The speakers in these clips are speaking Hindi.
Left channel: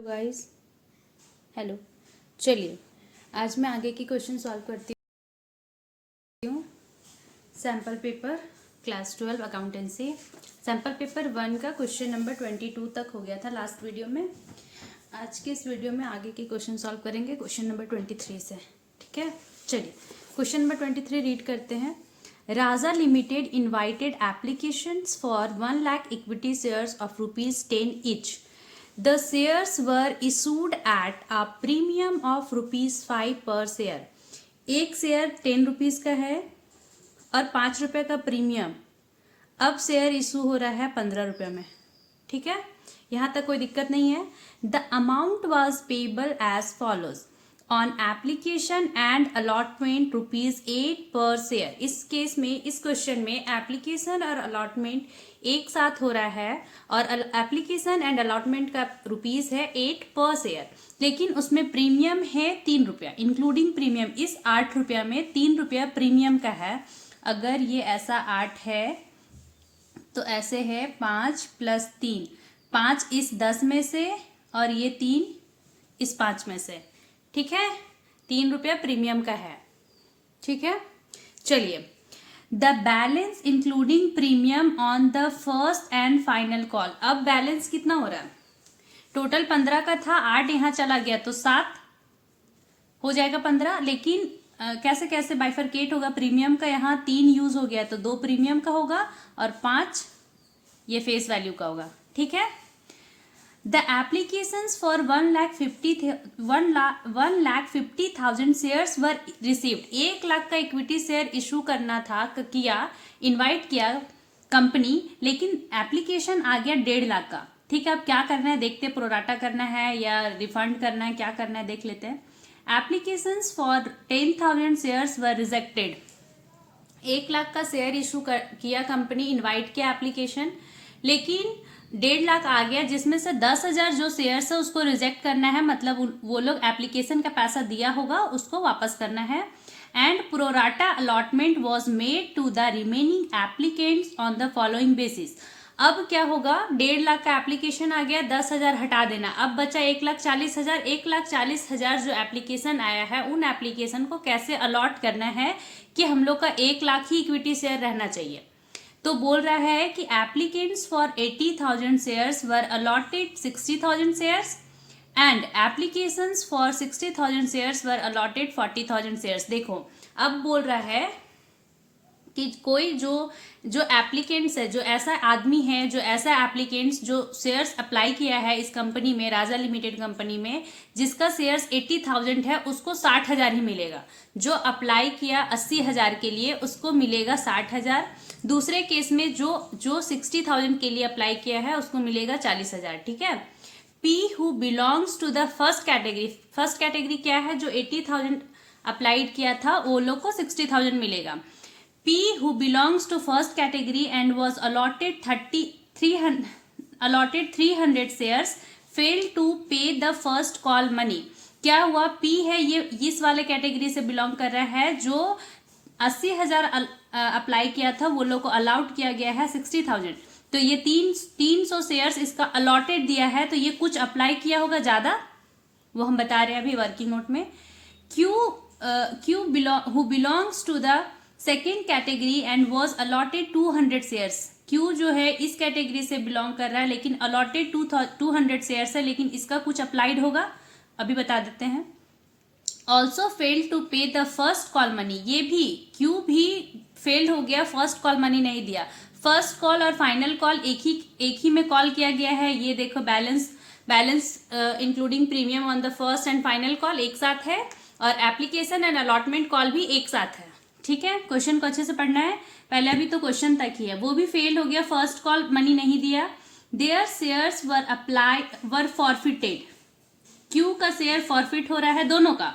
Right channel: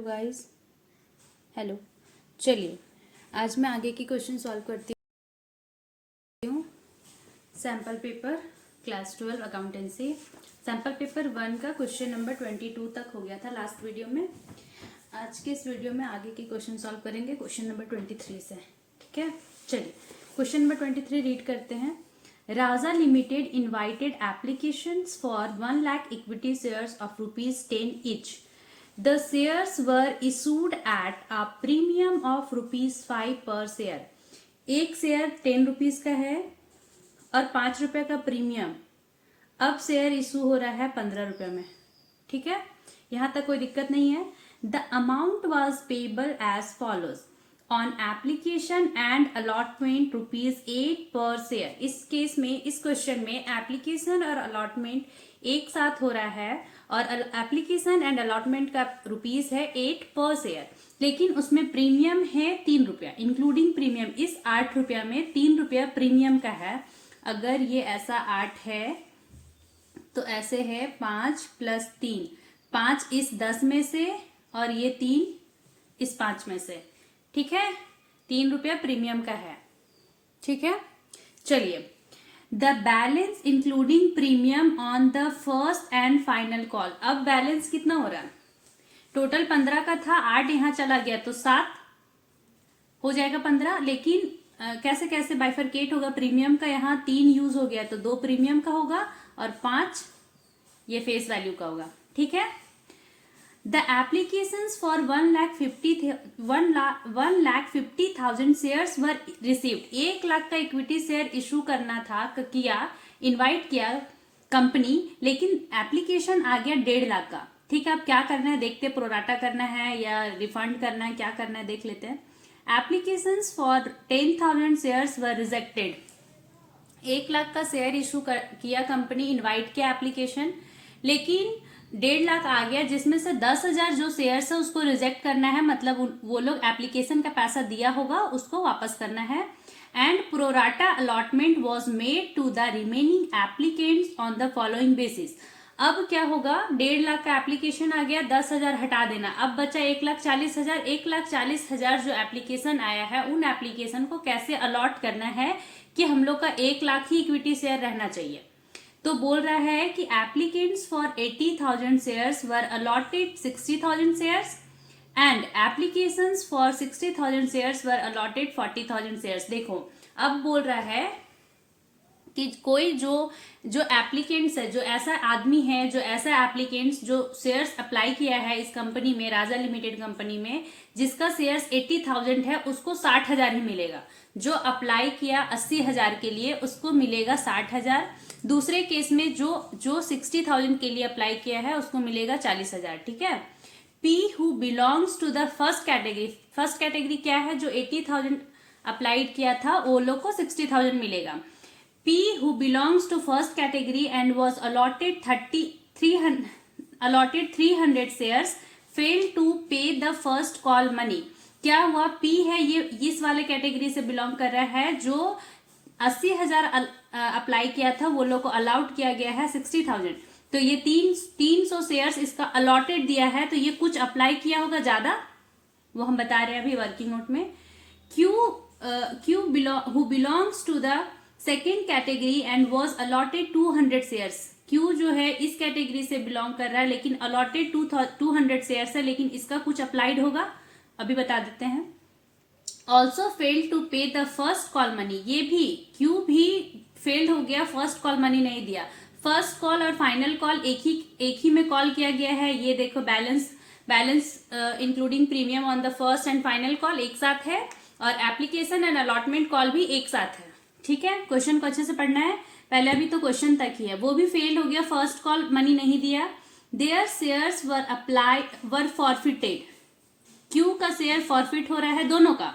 Hello guys. हेलो। चलिए आज मैं आगे की क्वेश्चन सॉल्व करती हूँ। Sample paper class 12 accountancy sample paper 1 का क्वेश्चन नंबर 22 तक हो गया था लास्ट वीडियो में। आज के इस वीडियो में आगे की क्वेश्चन सॉल्व करेंगे क्वेश्चन नंबर 23 से। ठीक है, चलिए क्वेश्चन नंबर 23 रीड करते हैं। Raja limited invited applications for 1 lakh equity shares of ₹10 each. The shares were issued at a premium of ₹5 per share. एक शेयर 10 रुपीज का है और 5 रुपए का प्रीमियम। अब शेयर इशू हो रहा है 15 रुपए में। ठीक है, यहां तक कोई दिक्कत नहीं है। The amount was payable as follows on application and allotment ₹8 पर शेयर। इस केस में, इस क्वेश्चन में एप्लीकेशन और अलॉटमेंट एक साथ हो रहा है और एप्लीकेशन एंड अलॉटमेंट का रुपीज है 8 पर शेयर, लेकिन उसमें प्रीमियम है 3 रुपया इंक्लूडिंग प्रीमियम। इस 8 रुपया में 3 रुपया प्रीमियम का है। अगर ये ऐसा 8 है तो ऐसे है 5 + 3, 5 इस 10 में से और ये 3 इस 5 में से। ठीक है, 3 रुपया प्रीमियम का है। ठीक है, चलिए the balance including premium on the first and final call. अब बैलेंस कितना हो रहा है? टोटल 15 का था, 8 यहां चला गया तो 7 हो जाएगा 15। लेकिन कैसे कैसे बाइफरकेट होगा? प्रीमियम का यहाँ 3 यूज हो गया तो 2 प्रीमियम का होगा और 5 ये फेस वैल्यू का होगा। ठीक है, the applications for 1,50,000 shares were received. 1 lakh का इक्विटी शेयर इशू करना था, इनवाइट किया कंपनी, लेकिन एप्लीकेशन आ गया 1.5 लाख का। ठीक है, अब क्या करना है देखते, प्रोराटा करना है या रिफंड करना है, क्या करना है देख लेते हैं। Applications for 10,000 shares were rejected. 1 lakh का शेयर इशू किया कंपनी, इनवाइट किया एप्लीकेशन, लेकिन 1.5 लाख आ गया, जिसमें से 10,000 जो शेयर्स है उसको रिजेक्ट करना है। मतलब वो लोग एप्लीकेशन का पैसा दिया होगा उसको वापस करना है। And pro rata allotment was made to the remaining applicants on the following basis. अब क्या होगा? 1.5 लाख का एप्लीकेशन आ गया, 10,000 हटा देना, अब बचा 1,40,000। 1,40,000 जो एप्लीकेशन आया है उन एप्लीकेशन को कैसे अलॉट करना है कि हम लोग का 1 लाख ही इक्विटी शेयर रहना चाहिए। तो बोल रहा है कि applicants for 80,000 shares were allotted 60,000 shares and applications for 60,000 shares were allotted 40,000 shares. देखो अब बोल रहा है कि कोई जो एप्लीकेंट्स है, जो ऐसा आदमी है, जो ऐसा एप्लीकेंट्स जो शेयर्स अप्लाई किया है इस कंपनी में, राजा लिमिटेड कंपनी में, जिसका शेयर्स 80,000 है उसको 60,000 ही मिलेगा। जो अप्लाई किया 80,000 के लिए उसको मिलेगा 60,000। दूसरे केस में जो 60,000 के लिए अप्लाई किया है उसको मिलेगा 40,000। ठीक है, P who belongs to the first category। First category क्या है? जो 80,000 अप्लाइड किया था वो लोग को 60,000 मिलेगा। P who belongs to first category and was allotted 300 shares failed to pay the first call money। क्या हुआ? P है ये इस वाले कैटेगरी से बिलोंग कर रहा है। जो 80,000 अप्लाई किया था वो लोग को अलाउड किया गया है 60,000, तो ये 300 शेयर्स इसका अलॉटेड दिया है, तो ये कुछ अप्लाई किया होगा ज्यादा, वो हम बता रहे हैं अभी वर्किंग नोट में। Q who belongs to the second category and was allotted 200 shares. Q जो है इस कैटेगरी से बिलोंग कर रहा है लेकिन अलॉटेड 200 शेयर्स है, लेकिन इसका कुछ अप्लाइड होगा, अभी बता देते हैं। ऑल्सो फेल्ड टू पे द फर्स्ट कॉल मनी। ये भी क्यू भी फेल्ड हो गया, फर्स्ट कॉल मनी नहीं दिया। फर्स्ट कॉल और फाइनल कॉल एक ही में कॉल किया गया है। ये देखो balance including premium on the first and final call एक साथ है और एप्लीकेशन एंड अलॉटमेंट कॉल भी एक साथ है। ठीक है, क्वेश्चन को अच्छे से पढ़ना है, पहले अभी तो क्वेश्चन तक ही है। वो भी फेल हो गया, फर्स्ट कॉल मनी नहीं दिया। Their shares were forfeited. Q का शेयर फॉरफिट हो रहा है, दोनों का।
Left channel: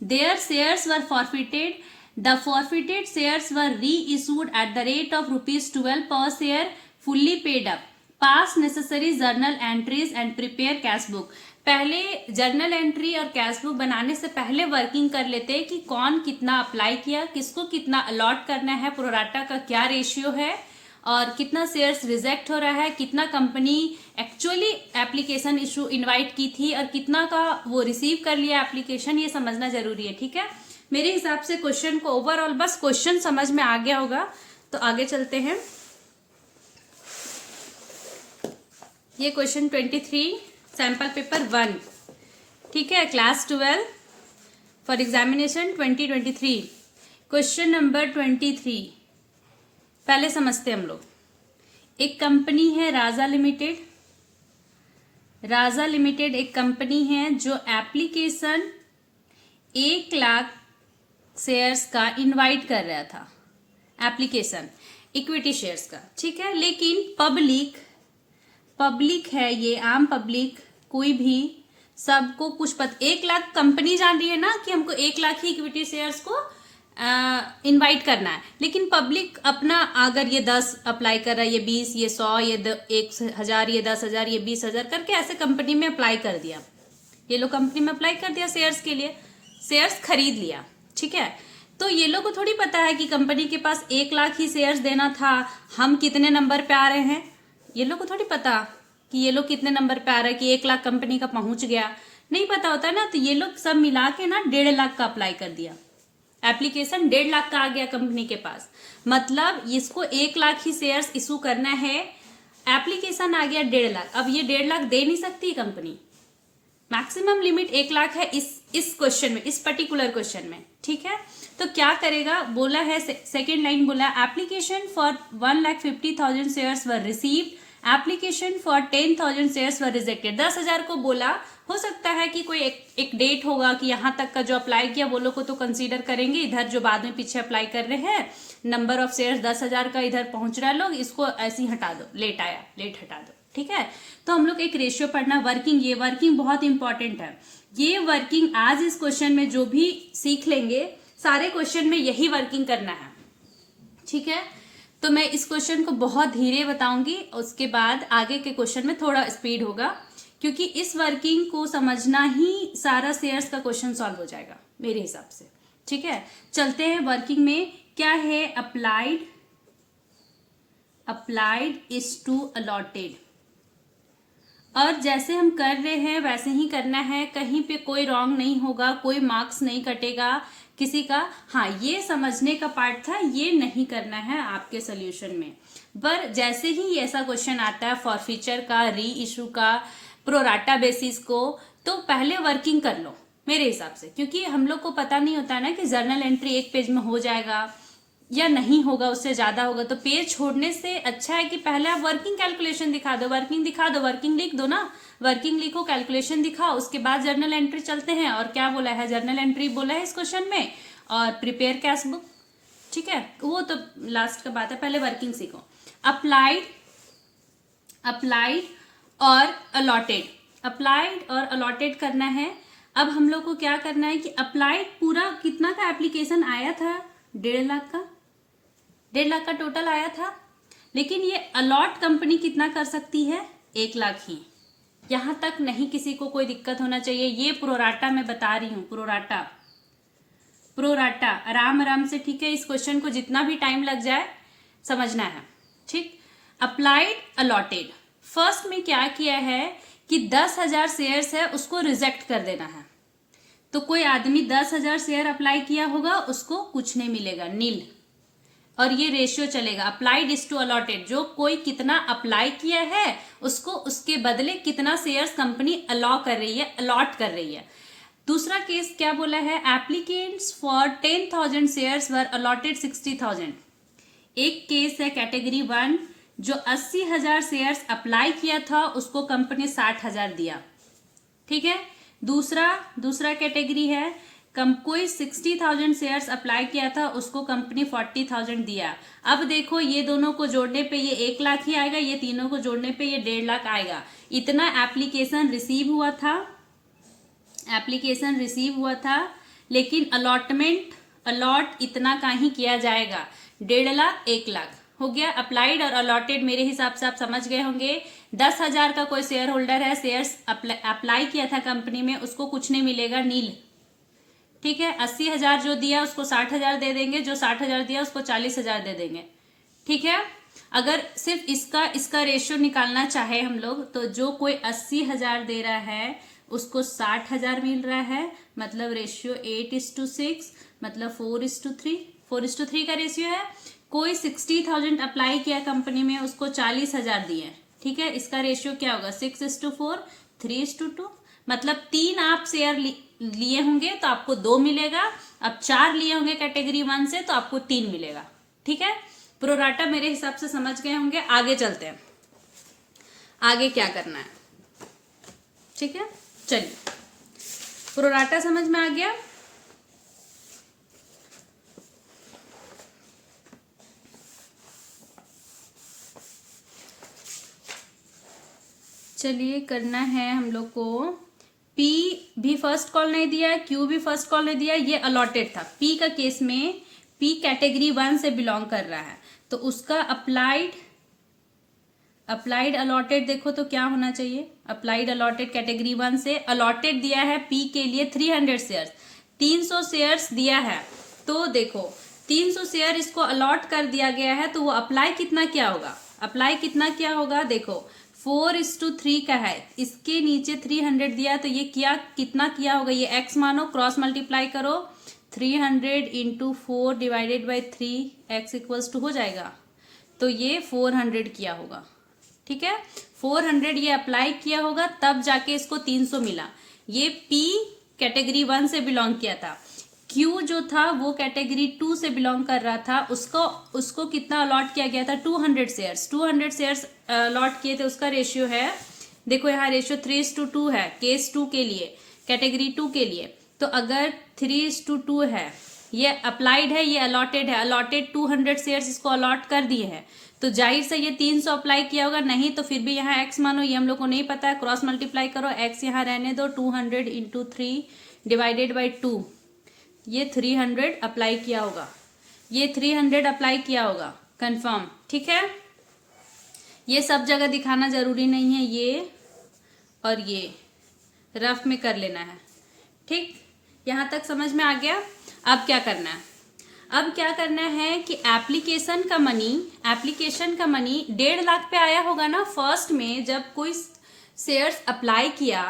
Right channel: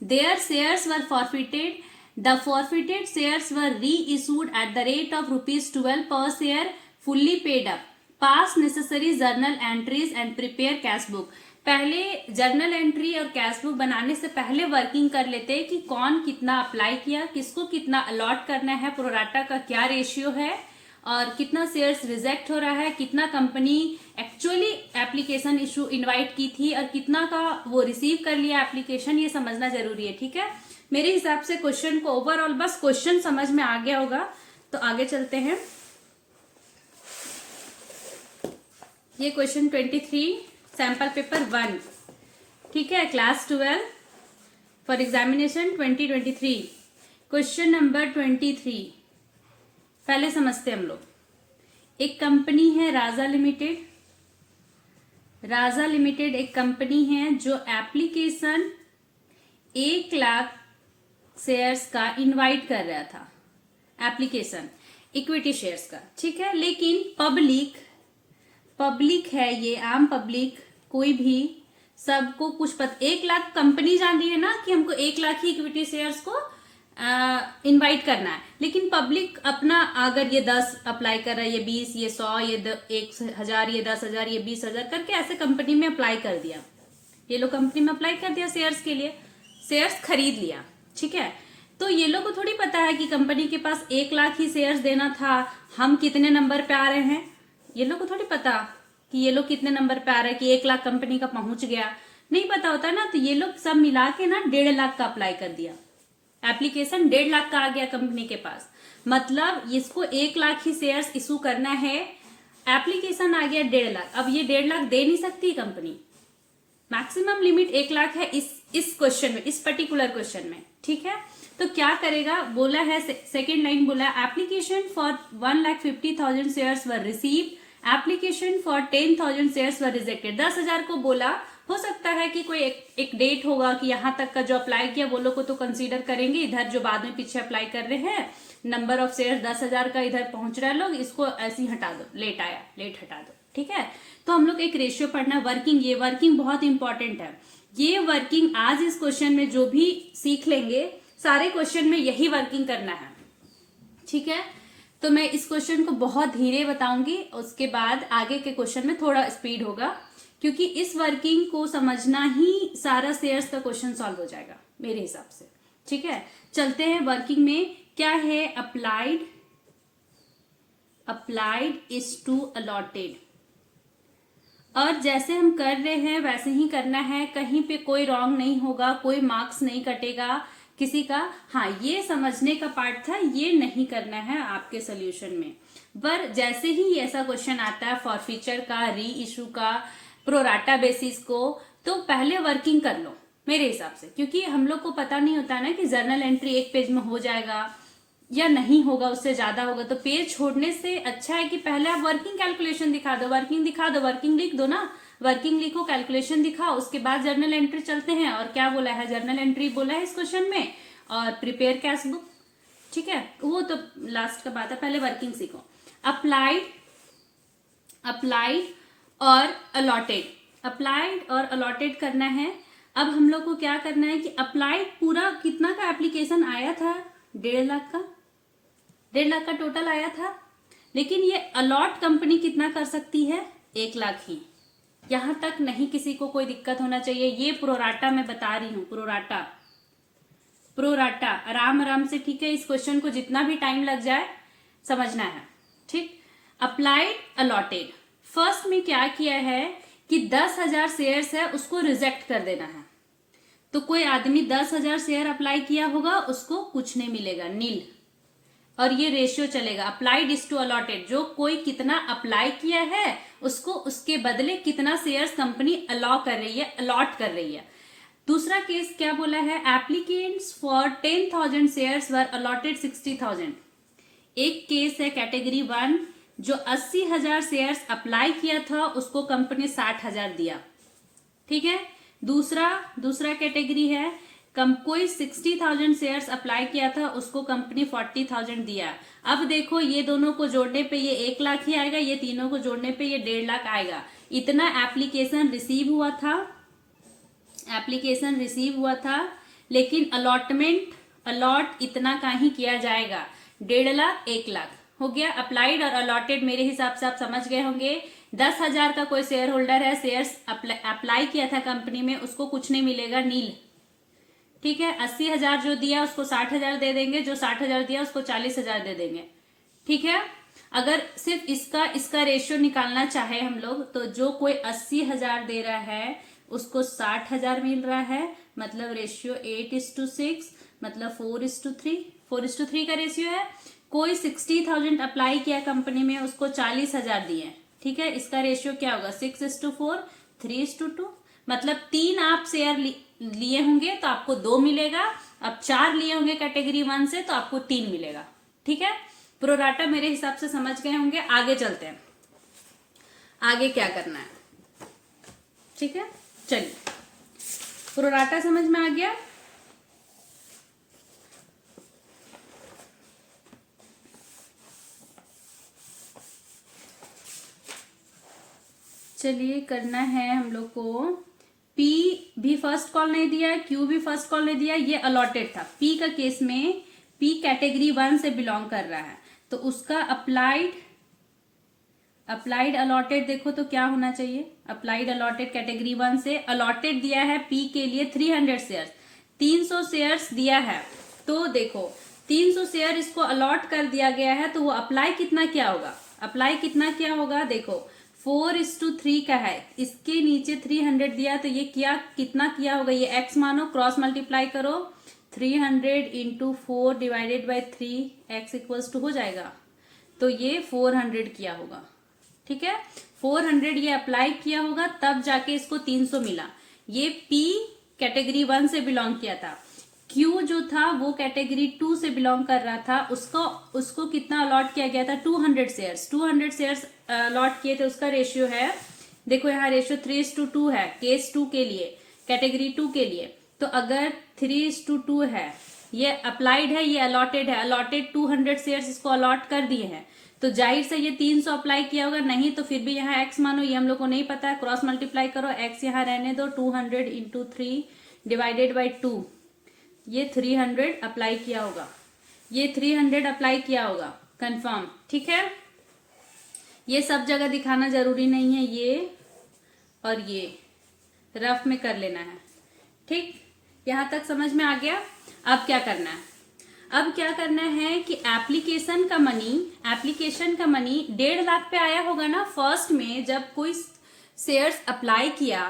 Their shares were forfeited, the forfeited shares were reissued at the rate of ₹12 per share, fully paid up, pass necessary journal entries and prepare cash book. पहले जर्नल एंट्री और कैश बुक बनाने से पहले वर्किंग कर लेते हैं कि कौन कितना अप्लाई किया, किसको कितना अलॉट करना है, प्रोराटा का क्या रेशियो है, और कितना शेयर्स रिजेक्ट हो रहा है, कितना company actually application issue invite की थी और कितना का वो रिसीव कर लिया एप्लीकेशन, ये समझना जरूरी है। ठीक है, मेरे हिसाब से क्वेश्चन को ओवरऑल बस क्वेश्चन समझ में आ गया होगा, तो आगे चलते हैं। ये क्वेश्चन 23 सैंपल पेपर 1, ठीक है, class 12 for examination 2023। Question number 23 पहले समझते हैं हम लोग। एक कंपनी है राजा लिमिटेड। राजा लिमिटेड एक कंपनी है जो एप्लीकेशन 1 लाख शेयर्स का इनवाइट कर रहा था, एप्लीकेशन इक्विटी शेयर्स का, ठीक है। लेकिन पब्लिक है, ये आम पब्लिक, कोई भी, सबको कुछ 1 लाख कंपनी जान रही है ना कि हमको 1 लाख ही इक्विटी शेयर्स को इनवाइट करना है, लेकिन पब्लिक अपना अगर ये 10 अप्लाई कर रहा है, ये 20, ये 100, ये 1000, ये 10,000, ये 20,000 करके ऐसे कंपनी में अप्लाई कर दिया। ये लोग कंपनी में अप्लाई कर दिया शेयर्स के लिए, शेयर्स खरीद लिया, ठीक है। तो ये लोग को थोड़ी पता है कि कंपनी के पास 1 लाख ही शेयर्स देना था, हम कितने नंबर पे आ रहे हैं, ये लोग को थोड़ी पता कि ये लोग कितने नंबर पे आ रहे हैं, कि 1 लाख कंपनी का पहुंच गया, नहीं पता होता ना। तो ये लोग सब मिला के ना 1.5 लाख का अप्लाई कर दिया, एप्लीकेशन 1.5 लाख का आ गया कंपनी के पास, मतलब इसको 1 लाख ही शेयर्स इशू करना है, एप्लीकेशन आ गया 1.5 लाख। अब ये 1.5 लाख दे नहीं सकती कंपनी, मैक्सिमम लिमिट 1 लाख है इस क्वेश्चन में, इस पर्टिकुलर क्वेश्चन में, ठीक है। तो क्या करेगा, बोला है सेकेंड लाइन बोला, application for 1,50,000 shares were received, application for 10,000 shares were rejected. 10,000 को बोला, हो सकता है कि कोई एक डेट होगा कि यहाँ तक का जो अप्लाई किया वो लोग को तो कंसीडर करेंगे, इधर जो बाद में पीछे अप्लाई कर रहे हैं, नंबर ऑफ शेयर्स 10,000 का इधर पहुंच रहा है लोग, इसको ऐसे ही हटा दो, लेट आया, लेट हटा दो, ठीक है। तो हम लोग एक रेशियो पढ़ना, वर्किंग, ये वर्किंग बहुत इंपॉर्टेंट है। ये वर्किंग आज इस क्वेश्चन में जो भी सीख लेंगे, सारे क्वेश्चन में यही वर्किंग करना है, ठीक है। तो मैं इस क्वेश्चन को बहुत धीरे बताऊंगी, उसके बाद आगे के क्वेश्चन में थोड़ा स्पीड होगा, क्योंकि इस वर्किंग को समझना ही सारा शेयर्स का क्वेश्चन सॉल्व हो जाएगा मेरे हिसाब से, ठीक है। चलते हैं वर्किंग में, क्या है, अप्लाइड इज टू अलॉटेड, और जैसे हम कर रहे हैं वैसे ही करना है, कहीं पे कोई रॉन्ग नहीं होगा, कोई मार्क्स नहीं कटेगा किसी का। हाँ, ये समझने का पार्ट था, ये नहीं करना है आपके सोल्यूशन में। पर जैसे ही ऐसा क्वेश्चन आता है फॉरफीचर का, री इशू का, प्रोराटा बेसिस को, तो पहले वर्किंग कर लो मेरे हिसाब से, क्योंकि हम लोग को पता नहीं होता ना कि जर्नल एंट्री 1 पेज में हो जाएगा या नहीं होगा, उससे ज्यादा होगा। तो पेज छोड़ने से अच्छा है कि पहले आप वर्किंग कैलकुलेशन दिखा दो, वर्किंग लिख दो ना, वर्किंग लिखो, कैलकुलेशन दिखाओ, उसके बाद जर्नल एंट्री चलते हैं। और क्या बोला है, जर्नल एंट्री बोला है इस क्वेश्चन में, और प्रिपेयर कैश बुक, ठीक है, वो तो लास्ट का बात है, पहले वर्किंग सीखो। अप्लाइड और अलॉटेड करना है। अब हम लोग को क्या करना है कि अप्लाइड पूरा कितना का एप्लीकेशन आया था, 1.5 लाख का, 1.5 लाख का टोटल आया था, लेकिन ये अलॉट कंपनी कितना कर सकती है, 1 लाख ही। यहां तक नहीं किसी को कोई दिक्कत होना चाहिए, ये प्रोराटा मैं बता रही हूं, प्रोराटा आराम से, ठीक है। इस क्वेश्चन को जितना भी टाइम लग जाए समझना है, ठीक। अप्लाइड अलॉटेड, फर्स्ट में क्या किया है कि 10,000 शेयर्स है उसको रिजेक्ट कर देना है। तो कोई आदमी 10,000 शेयर अप्लाई किया होगा, उसको कुछ नहीं मिलेगा, नील। और ये रेशियो चलेगा, अप्लाइड इज टू अलॉटेड, जो कोई कितना अप्लाई किया है उसको उसके बदले कितना शेयर्स कंपनी अलॉट कर रही है। दूसरा केस क्या बोला है, applicants for 10,000 shares were allotted 60,000। एक केस है कैटेगरी 1, जो 80,000 शेयर्स अप्लाई किया था उसको कंपनी 60,000 दिया, ठीक है। दूसरा कैटेगरी है, कोई 60,000 शेयर्स अप्लाई किया था उसको कंपनी 40,000 दिया। अब देखो, ये दोनों को जोड़ने पे ये 1 लाख ही आएगा, ये तीनों को जोड़ने पे ये 1.5 लाख आएगा। इतना एप्लीकेशन रिसीव हुआ था, लेकिन अलॉट इतना का ही किया जाएगा, 1.5 लाख 1 लाख हो गया। अप्लाइड और अलॉटेड मेरे हिसाब से आप समझ गए होंगे। 10,000 का कोई शेयर होल्डर है, शेयर्स अप्लाई किया था कंपनी में, उसको कुछ नहीं मिलेगा, नील, ठीक है। 80,000 जो दिया उसको 60,000 दे देंगे, जो 60,000 दिया उसको 40,000 दे देंगे, ठीक है। अगर सिर्फ इसका रेशियो निकालना चाहे हम लोग, तो जो कोई 80,000 दे रहा है उसको 60,000 मिल रहा है, मतलब रेशियो 8:6, मतलब 4:3, 4:3 का रेशियो है। कोई 60,000 अप्लाई किया कंपनी में, उसको 40,000 दिए, ठीक है, इसका रेशियो क्या होगा 6:4, 3:2, मतलब 3 आप शेयर लिए होंगे तो आपको 2 मिलेगा, अब 4 लिए होंगे कैटेगरी 1 से तो आपको 3 मिलेगा, ठीक है। प्रोराटा मेरे हिसाब से समझ गए होंगे। आगे चलते हैं, आगे क्या करना है, ठीक है। चलिए, प्रोराटा समझ में आ गया। चलिए, करना है हम लोग को, पी भी फर्स्ट कॉल नहीं दिया है, क्यू भी फर्स्ट कॉल नहीं दिया है, ये अलॉटेड था। पी का केस में पी कैटेगरी 1 से बिलोंग कर रहा है, तो उसका अप्लाइड अलॉटेड देखो तो क्या होना चाहिए। अप्लाइड अलॉटेड कैटेगरी 1 से अलॉटेड दिया है पी के लिए 300 शेयर्स, 300 शेयर्स दिया है। तो देखो 300 शेयर इसको अलॉट कर दिया गया है, तो वो अप्लाई कितना क्या होगा, अप्लाई कितना क्या होगा, देखो 4:3 का है, इसके नीचे 300 दिया, तो ये क्या कितना किया होगा, ये x मानो, क्रॉस मल्टीप्लाई करो, 300 into 4 divided by 3, x equals to हो जाएगा, तो ये 400 किया होगा, ठीक है। 400 ये अप्लाई किया होगा, तब जाके इसको 300 मिला। ये P कैटेगरी 1 से बिलोंग किया था। Q जो था वो कैटेगरी 2 से बिलोंग कर रहा था, उसको कितना अलॉट किया गया था, 200 शेयर्स, 200 शेयर्स अलॉट किए थे। उसका रेशियो है, देखो यहाँ रेशियो 3:2 है केस 2 के लिए, कैटेगरी 2 के लिए। तो अगर 3:2 है, ये अप्लाइड है, ये अलॉटेड है, अलॉटेड 200 शेयर्स इसको अलॉट कर दिए हैं, तो जाहिर से ये 300 अप्लाई किया होगा, नहीं तो फिर भी यहाँ x मानो, ये हम लोग को नहीं पता है, क्रॉस मल्टीप्लाई करो, x यहाँ रहने दो, 200 इंटू 3 डिवाइडेड बाई 2, ये 300 अप्लाई किया होगा, ये 300 अप्लाई किया होगा, कंफर्म, ठीक है। ये सब जगह दिखाना जरूरी नहीं है, ये और ये रफ में कर लेना है, ठीक। यहां तक समझ में आ गया। अब क्या करना है, अब क्या करना है कि एप्लीकेशन का मनी 1.5 लाख पे आया होगा ना फर्स्ट में, जब कोई शेयर्स अप्लाई किया,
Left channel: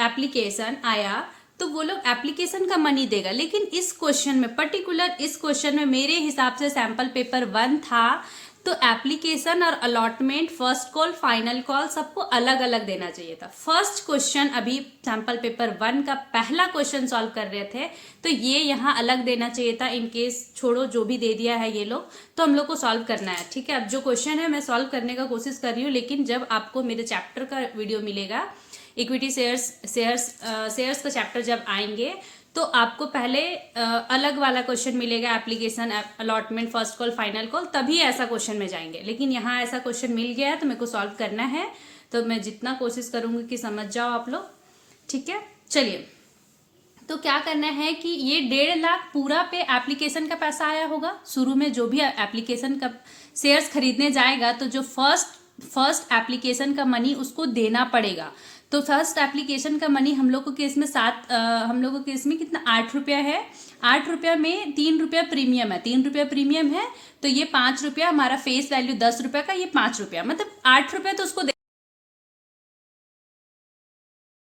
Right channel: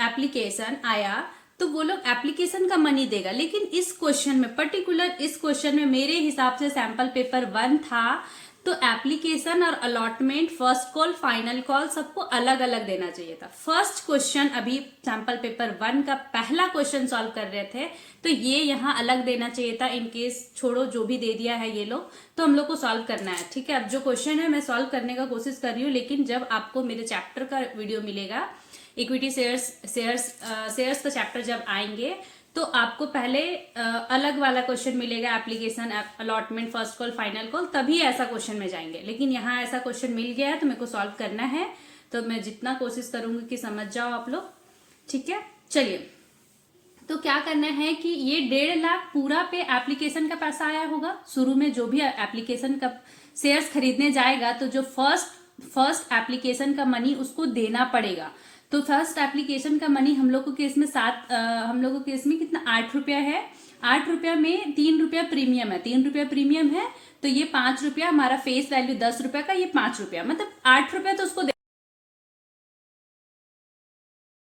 एप्लीकेशन आया, तो वो लोग एप्लीकेशन का मनी देगा। लेकिन इस क्वेश्चन में, पर्टिकुलर इस क्वेश्चन में मेरे हिसाब से सैंपल पेपर 1 था, तो एप्लीकेशन और allotment, first call, final call सबको अलग अलग देना चाहिए था। फर्स्ट क्वेश्चन अभी सैंपल पेपर 1 का पहला क्वेश्चन सॉल्व कर रहे थे, तो ये यहाँ अलग देना चाहिए था। इन केस छोड़ो, जो भी दे दिया है ये लोग, तो हम लोग को सॉल्व करना है, ठीक है। अब जो क्वेश्चन है मैं सॉल्व करने का कोशिश कर रही हूँ, लेकिन जब आपको मेरे चैप्टर का वीडियो मिलेगा, इक्विटी शेयर्स का चैप्टर जब आएंगे, तो आपको पहले अलग वाला क्वेश्चन मिलेगा, application, allotment, first call, final call, तभी ऐसा क्वेश्चन में जाएंगे। लेकिन यहाँ ऐसा क्वेश्चन मिल गया है तो मेरे को सॉल्व करना है, तो मैं जितना कोशिश करूंगी कि समझ जाओ आप लोग, ठीक है। चलिए, तो क्या करना है कि ये 1.5 लाख पूरा पे एप्लीकेशन का पैसा आया होगा। शुरू में जो भी एप्लीकेशन का शेयर्स खरीदने जाएगा, तो जो फर्स्ट एप्लीकेशन का मनी उसको देना पड़ेगा। तो फर्स्ट एप्लीकेशन का मनी हम लोग को केस में हम लोग को केस में कितना, 8 रुपया है। 8 रुपया में 3 रुपया प्रीमियम है, 3 रुपया प्रीमियम है, तो ये 5 रुपया हमारा फेस वैल्यू 10 रुपया का, ये 5 रुपया, मतलब 8 रुपया तो उसको